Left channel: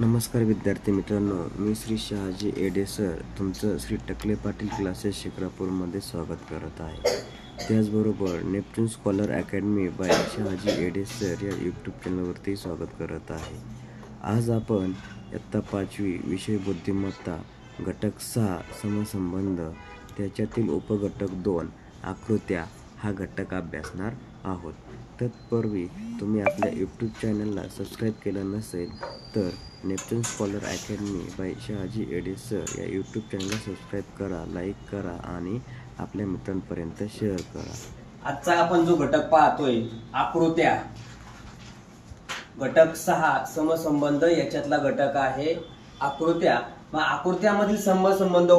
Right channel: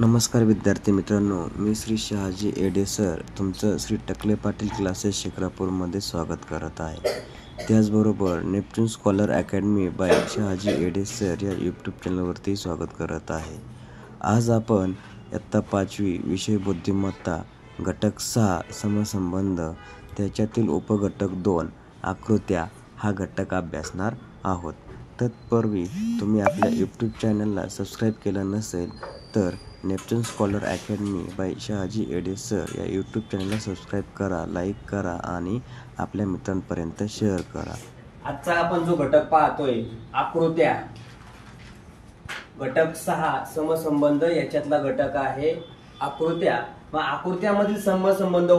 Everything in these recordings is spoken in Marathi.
नमस्कार विद्यार्थी मित्रांनो, मी श्री शहाजी एडे सर तुमचं श्री टकले पाटील क्लासेस शिक्रापूरमध्ये स्वागत करत आहे। त्याचबरोबर Neptune scholar academy by Shahaji Ede sir या यूट्यूब चॅनलवरती स्वागत करत आहे। आज आपण इयत्ता 5वी विषय बुद्धिमत्ता घटक 6 समसंबंध त्याच्यातील उपघटक 2 आकृत्या हा घटक अभ्यासणार आहोत। तत्पूर्वी तुम्ही आपल्या यूट्यूब चॅनलला सबस्क्राईब केलं नसेल तर Neptune scholar academy by Shahaji Ede sir या यूट्यूब चॅनलला सबस्क्राईब करा, लाईक करा आणि आपल्या मित्रांपर्यंत शेअर करा। आजचा आपण जो घटक पाहतोय आकृत्या, घटक 6 समसंबंध याच्यातला घटक आहे आकृत्या। मग आकृत्यामधील समसंबंध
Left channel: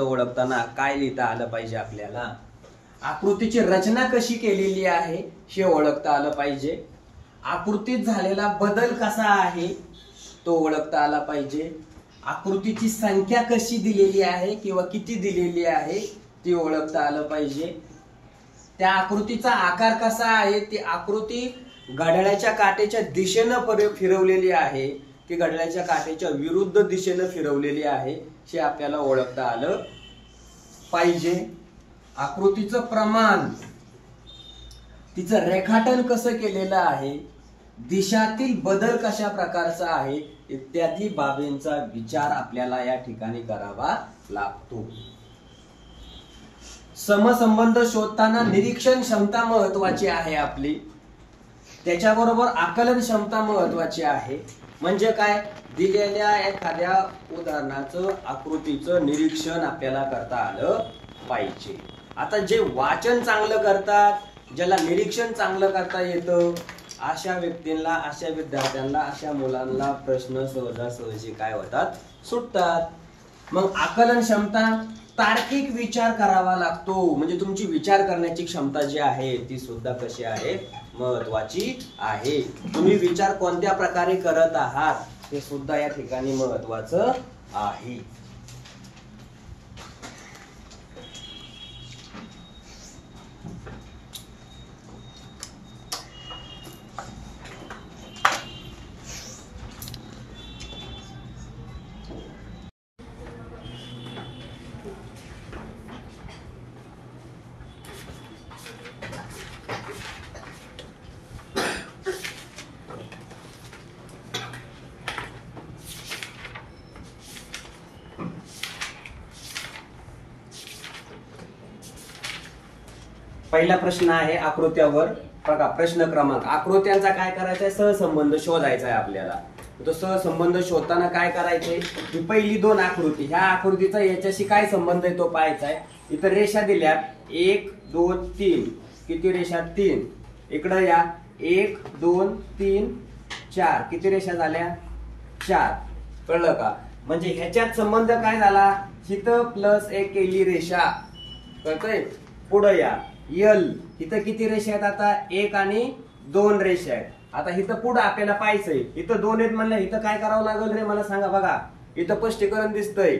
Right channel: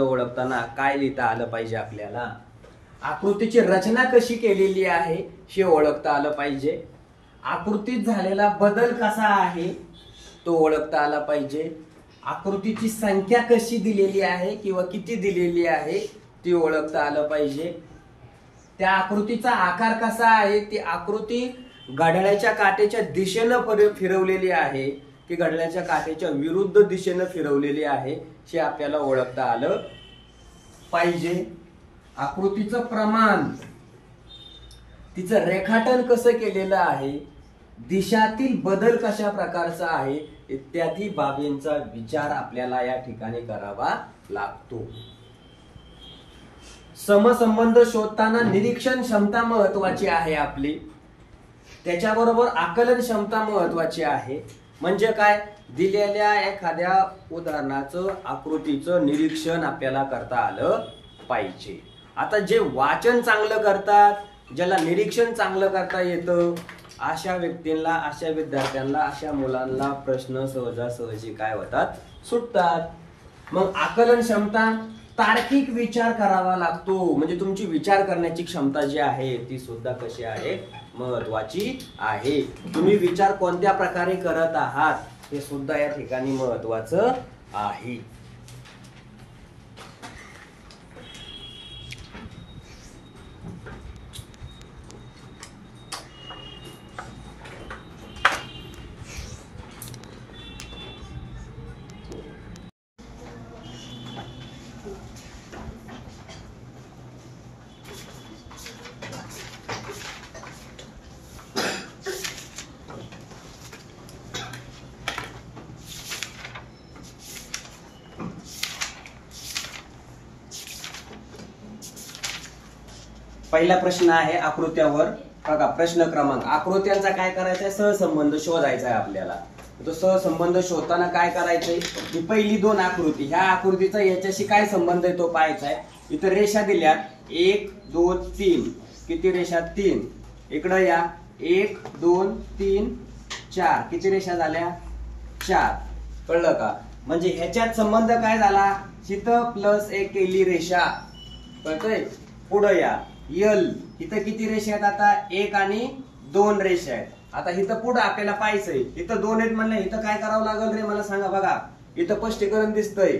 ओळखताना काय लिहिता आलं पाहिजे आपल्याला? आकृतीची रचना कशी केलेली आहे हे ओळखता आलं पाहिजे। आकृतीत झालेला बदल कसा आहे तो ओळखता आला पाहिजे। आकृतीची संख्या कशी दिलेली आहे किंवा किती दिलेली आहे ती ओळखता आलं पाहिजे। त्या आकृतीचा आकार कसा आहे, ती आकृती घड्याळाच्या काट्याच्या दिशेने फिरवलेली आहे की घड्याळाच्या काट्याच्या विरुद्ध दिशेने फिरवलेली आहे हे आपल्याला ओळखता आलं पाहिजे। आकृतीचं प्रमाण, तिचं रेखाटन कसं केलेलं आहे, दिशातील बदल कशा प्रकारचा आहे इत्यादी बाबींचा विचार आपल्याला या ठिकाणी करावा लागतो। समसंबंध शोधताना निरीक्षण क्षमता महत्वाची आहे आपली, त्याच्याबरोबर आकलन क्षमता महत्वाची आहे। म्हणजे काय, दिलेल्या एखाद्या उदाहरणाचं आकृतीचं निरीक्षण आपल्याला करता आलं पाहिजे। आता जे वाचन चांगलं करतात, ज्याला निरीक्षण चांगलं करता येतं, अशा व्यक्तींना, अशा विद्यार्थ्यांना, अशा मुलांना प्रश्न सहजासहजी काय होतात, सुटतात। मग आकलन क्षमता, तार्किक विचार करावा लागतो, म्हणजे तुमची विचार करण्याची क्षमता जी आहे ती सुद्धा कशी आहे, महत्वाची आहे। तुम्ही विचार कोणत्या प्रकारे करत आहात हे सुद्धा या ठिकाणी महत्वाचं आहे। पहिला प्रश्न आहे आकृत्यावर बघा। प्रश्न क्रमांक, आकृत्यांचा काय करायचा आहे, सहसंबंध शोधायचा आहे आपल्याला। तो सहसंबंध शोधताना काय करायचंय, ही पहिली दोन आकृती, ह्या आकृतीचा याच्याशी काय संबंध आहे तो पाहायचा आहे। इथं रेषा दिल्या 1 2 3, किती रेषा, 3। इकडं या 1 2 3 4, किती रेषा झाल्या, 4। कळलं का? म्हणजे ह्याच्यात संबंध काय झाला, इथं प्लस एक केली रेषा, कळतंय। पुढे या यल, इथं किती रेषा आहेत, आता 1 आणि 2 रेषा आहेत। आता इथं पुढे आपल्याला पाहायचंय, इथं 2 आहेत म्हणलं, इथं काय करावं लागेल रे मला सांगा। बघा इथं स्पष्टीकरण दिसतंय,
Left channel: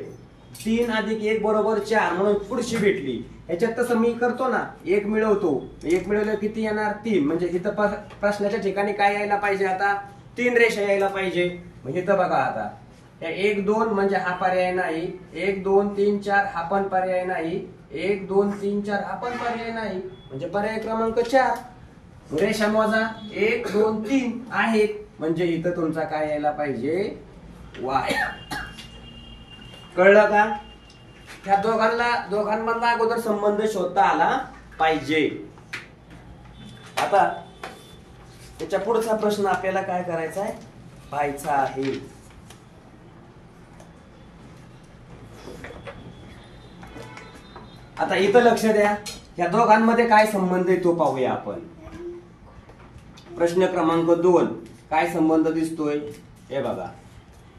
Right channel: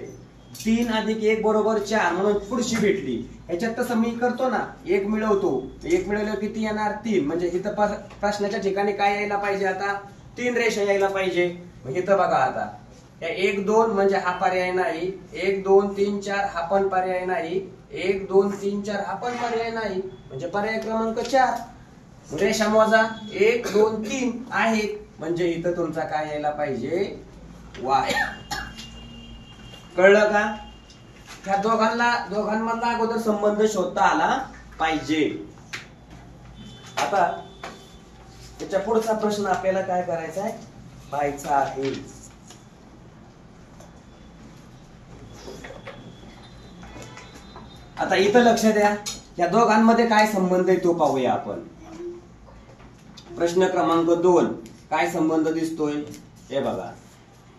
3 अधिक 1 बरोबर 4, म्हणून पुढची भेटली। ह्याच्यात तसं मी करतो ना, 1 मिळवतो, 1 मिळवलं किती येणार, 3। म्हणजे इथं प्रश्नाच्या ठिकाणी काय यायला पाहिजे, आता 3 रेषा यायला पाहिजे। मग इथं बघा आता 1 2 म्हणजे हा पर्याय नाही, 1 2 3 4 हा पण पर्याय नाही, 1 2 3 4 हा पण पर्याय नाही, म्हणजे पर्याय क्रमांक 4। रेषा मोजा, 1 2 3 आहेत, म्हणजे इथं तुमचा काय यायला पाहिजे, वाय। कळलं का? ह्या दोघांमधला अगोदर संबंध शोधता आला पाहिजे। आता त्याच्या पुढचा प्रश्न आपल्याला काय करायचा आहे, पाहायचा आहे। आता इथं लक्ष द्या, या दोघांमध्ये काय संबंध आहे तो पाहूया आपण। प्रश्न क्रमांक 2, काय संबंध दिसतोय, हे बघा।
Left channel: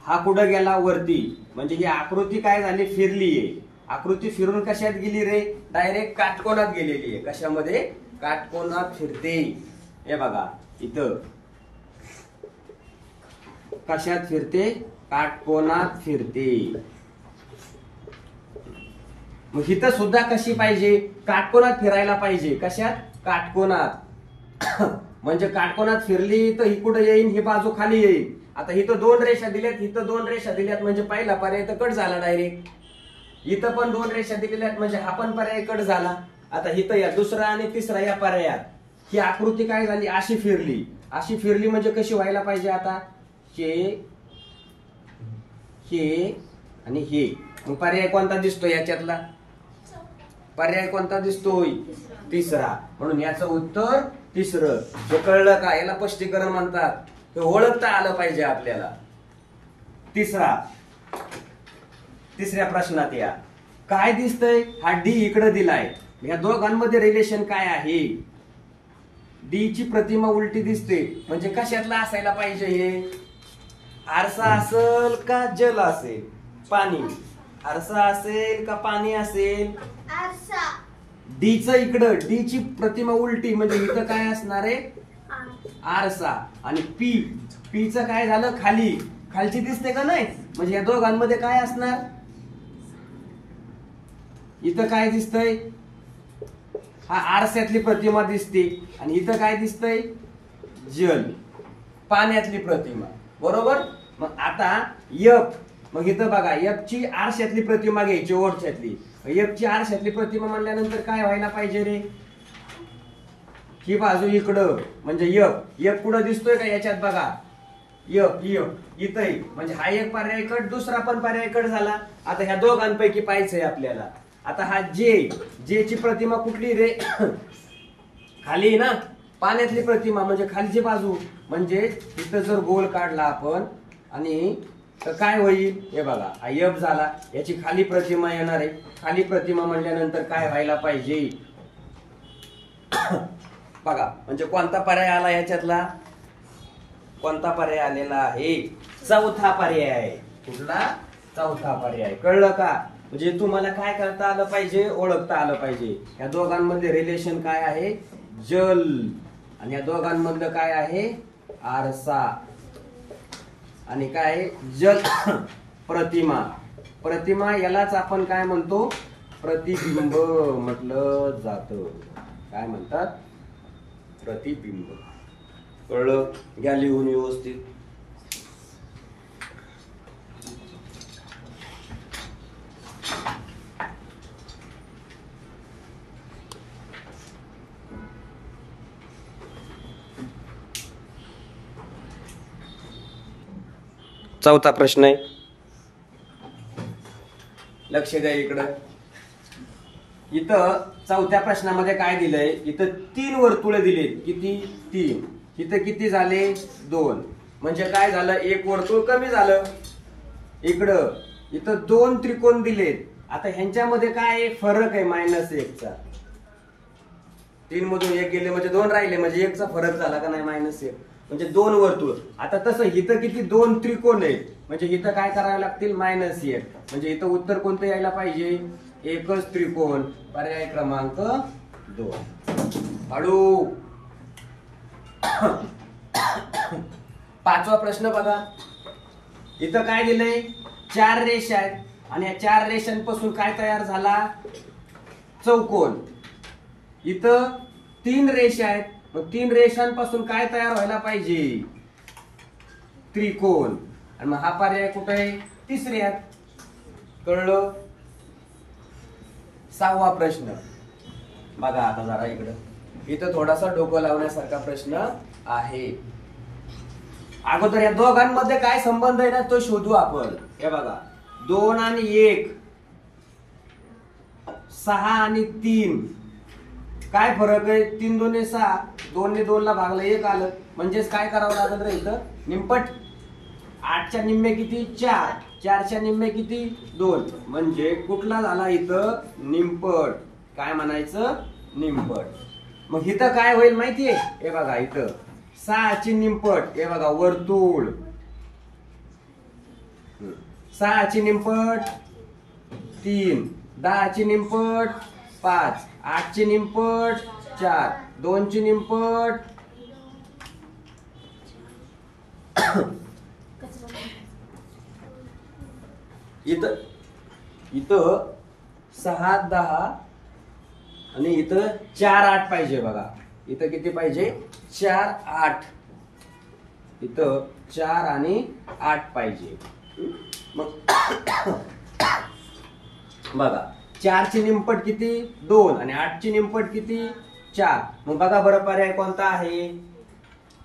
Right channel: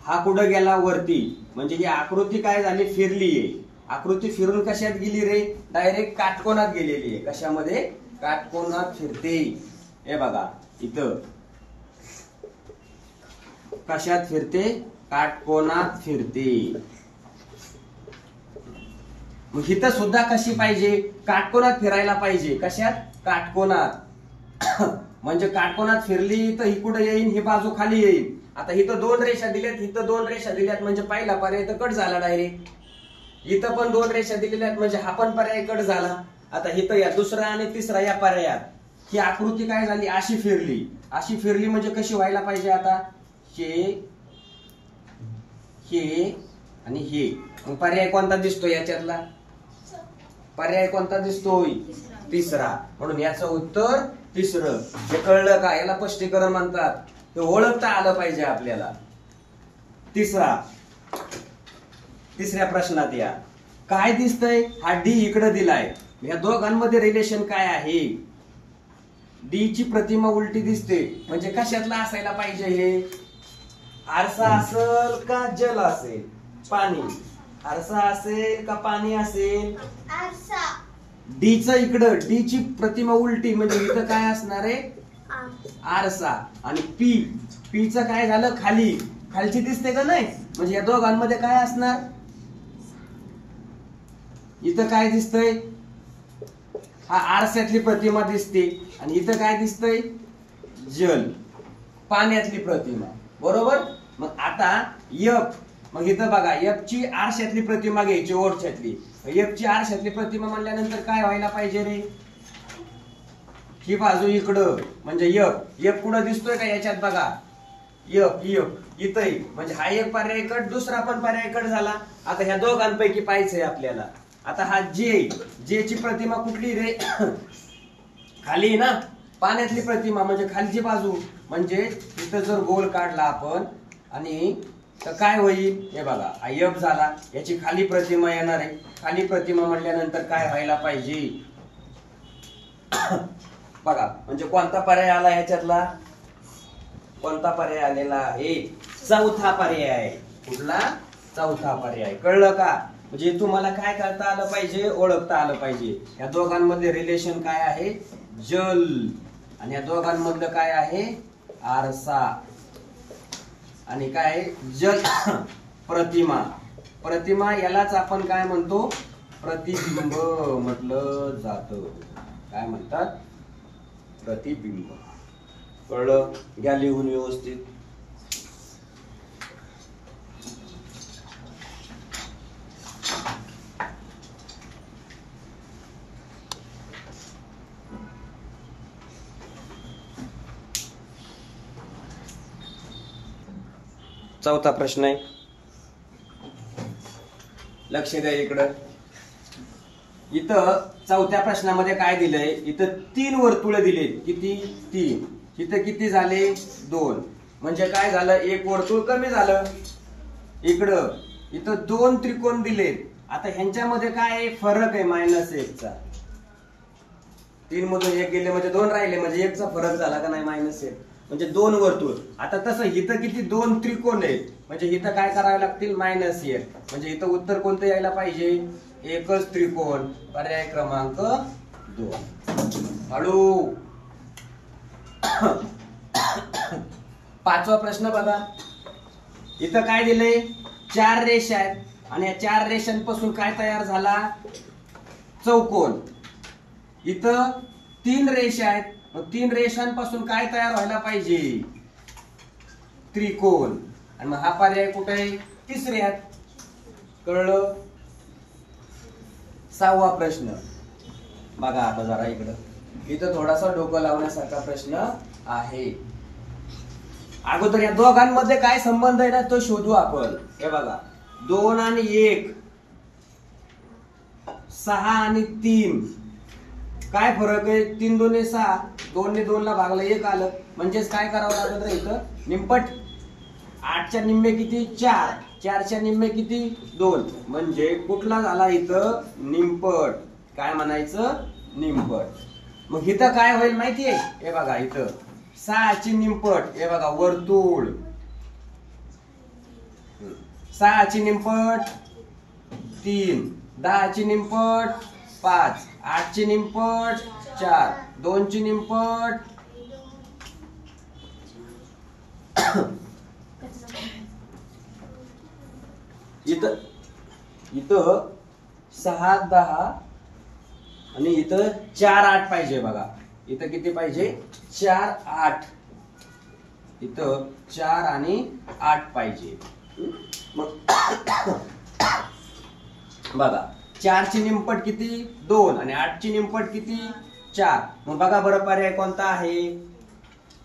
हा कुठं गेला, वरती, म्हणजे ही आकृती काय झाली, फिरलीये। आकृती फिरून कशात गेली रे, डायरेक्ट काटकोनात गेलेली आहे। कशामध्ये, काटकोनात फिरते। हे बघा इथं कशात फिरते, काटकोनात फिरते। मग इथं सुद्धा कशी पाहिजे, काटकोनात फिरायला पाहिजे। कशात, काटकोनात। म्हणजे काटकोनात फिरली तर ही कुठे येईल, ही बाजू खाली येईल. आता इथं 2 रेषा दिल्यात, इथं 2 रेषा दिल्यात, म्हणजे पहिला पर्याय तर कट झाला डायरेक्ट. इथं पण 2 रेषा दिलेल्या आहेत, म्हणजे हा पण पर्याय कट झाला. आता इथं या दुसरा आणि तिसरा या पर्यायात ही आकृती काय झाली, अशी फिरली. अशी फिरली म्हणजे कशी व्हायला पाहिजे, आता हे आणि हे. मग पर्याय कोणता दिसतोय याच्यातला, पर्याय कोणता दिसतोय, तिसरा. म्हणून याचं उत्तर तिसरं. हे कळलं का, याला स्पष्टीकरण म्हणतात. हे ओळखता आलं पाहिजे आपल्याला. तिसऱ्या प्रश्नात या काय दिसतंय, हा डी इकडे दिलाय. या दोघांमध्ये रिलेशन काय आहे, डी ची प्रतिमा उलटी दिसते, म्हणजे कशातला असायला पाहिजे, हे आरसा असेल का जल असेल, पाणी, आरसा असेल का पाणी असेल, आरसा. डी च इकडं, डी ची प्रतिमा उलटी म्हणजे इथं काय असणार आहे, आरसा. आणि पी च काय झालं, खाली, खालची दिसते का नाही, म्हणजे या दोघांमध्ये काय असणार, इथं काय दिसतंय, हा आरशातली प्रतिमा दिसते. आणि इथं काय दिसतंय, जल, पाण्यातली प्रतिमा. बरोबर. मग आता एफ, मग इथं बघा एफ ची आरशातली प्रतिमा घ्यायची, ओरच्यातली. एफ ची आरशातली प्रतिमा म्हणल्यानंतर काय व्हायला पाहिजे रे, ही बाजू इकडं, म्हणजे एफ कुठं दिसतोय का याच्यात बघा, एफ इथं, म्हणजे हा एक पर्याय कट, दुसरा पण पर्याय कट झाला. आता ह्या दोघांपैकी पाहायचंय आपल्याला. आता हा जे ची प्रतिमा कुठली रे, खाली ना, पाण्यातली प्रतिमा म्हणजे खालची बाजू. म्हणजे इथं जर गोल काढला आपण आणि तर काय होईल, हे बघा हा एफ झाला, याची खाली प्रतिमा येणार आहे. खाली प्रतिमा म्हणल्यानंतर काय व्हायला पाहिजे बघा, म्हणजे कोणता पर्याय आला याच्यातला, कोणता पर्याय आलेला आहे, चौथा पर्याय. कुठला, चौथा पर्याय. कळलं का, म्हणजे तुम्हाला काय करता आलं पाहिजे, ओळखता आलं पाहिजे. या दोघांमध्ये रिलेशन काय आहे, जल, आणि या दोघांमधलं काय आहे, आरसा. आणि काय, जल प्रतिमा यालाच आपण काय म्हणतो, प्रतिबिंब म्हटलं जातं. काय म्हणतात, प्रतिबिंब. कळलं, घ्या लिहून व्यवस्थित. चौथा प्रश्न आहे, लक्ष द्या इकडं. इथं चौथ्या प्रश्नामध्ये काय दिलंय, इथं 3 वर्तुळे दिलेत. किती, 3. इथं किती झाले, 2. म्हणजे काय झालं, एक वर्तुळ कमी झालं इकडं. इथं 2 त्रिकोण दिलेत. आता ह्यांच्यामध्ये काय फरक आहे, -1 चा. 3 मधून 1 गेले म्हणजे 2 राहिले, म्हणजे 1 चा फरक झाला का नाही, -1, म्हणजे 2 वर्तुळ. आता तसं इथं किती, 2 त्रिकोण आहेत, म्हणजे इथं काय करावे लागतील, -1. म्हणजे इथं उत्तर कोणतं यायला पाहिजे, एकच त्रिकोण. पर्याय क्रमांक 2. हळू. 5वा प्रश्न बघा. इथं काय दिलंय, 4 रेषा आहेत, आणि या 4 रेषांपासून काय तयार झाला, चौकोन. इथं 3 रेषा आहेत, मग 3 रेषांपासून काय तयार व्हायला पाहिजे, त्रिकोण. आणि मग हा पर्याय कुठे आहे, तिसऱ्यात. कळलं. 6वा प्रश्न बघा. आता जरा इकडं, इथं थोडासा डोकं लावण्यासारखा प्रश्न आहे. अगोदर या दोघांमध्ये काय संबंध आहे ना, तो शोधू आपण. हे बघा, 2 आणि 1, 6 आणि 3, काय फरक आहे, 3 2 6, 2 ने 2 ला भागलं 1 आलं. म्हणजेच काय करावं लागत रे, इथं निमपट. 8च्या निम्मे किती, 4. 4च्या निम्मे किती, 2. म्हणजे कुठला झाला इथं, निमपट. काय म्हणायचं, निमपट. मग इथं काय होईल माहितीये, हे बघा इथं 6 ची निमपट, हे बघा वर्तुळ. 6 ची निमपट 3, 10 ची निमपट 5, 8 ची निमपट 4, 2 ची निमपट इथं 6 10 आणि इथं 4 8 पाहिजे बघा. इथं किती पाहिजे 4 8, इथं 4 आणि 8 पाहिजे. मग बघा 4 ची निमपट किती 2 आणि 8 ची निमपट किती 4. मग बघा बरं पर्याय कोणता आहे.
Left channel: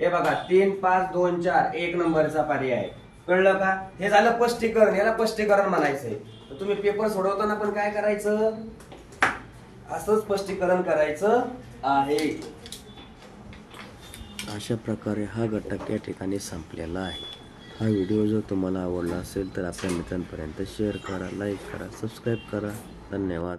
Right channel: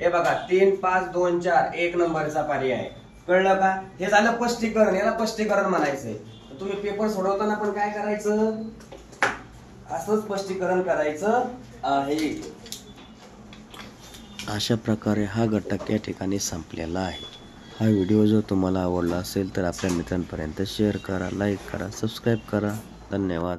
हे बघा 3 5 2 4 1 नंबरचा पर्याय. कळलं का. हे झालं स्पष्टीकरण. याला स्पष्टीकरण म्हणायचंय. तर तुम्ही पेपर सोडवताना पण काय करायचं असं स्पष्टीकरण करायचं आहे. अशा प्रकारे हा घटक या ठिकाणी संपलेला आहे. हा व्हिडिओ जर तुम्हाला आवडला असेल तर आपल्या मित्रांपर्यंत शेअर करा, लाईक करा, सबस्क्राईब करा. धन्यवाद.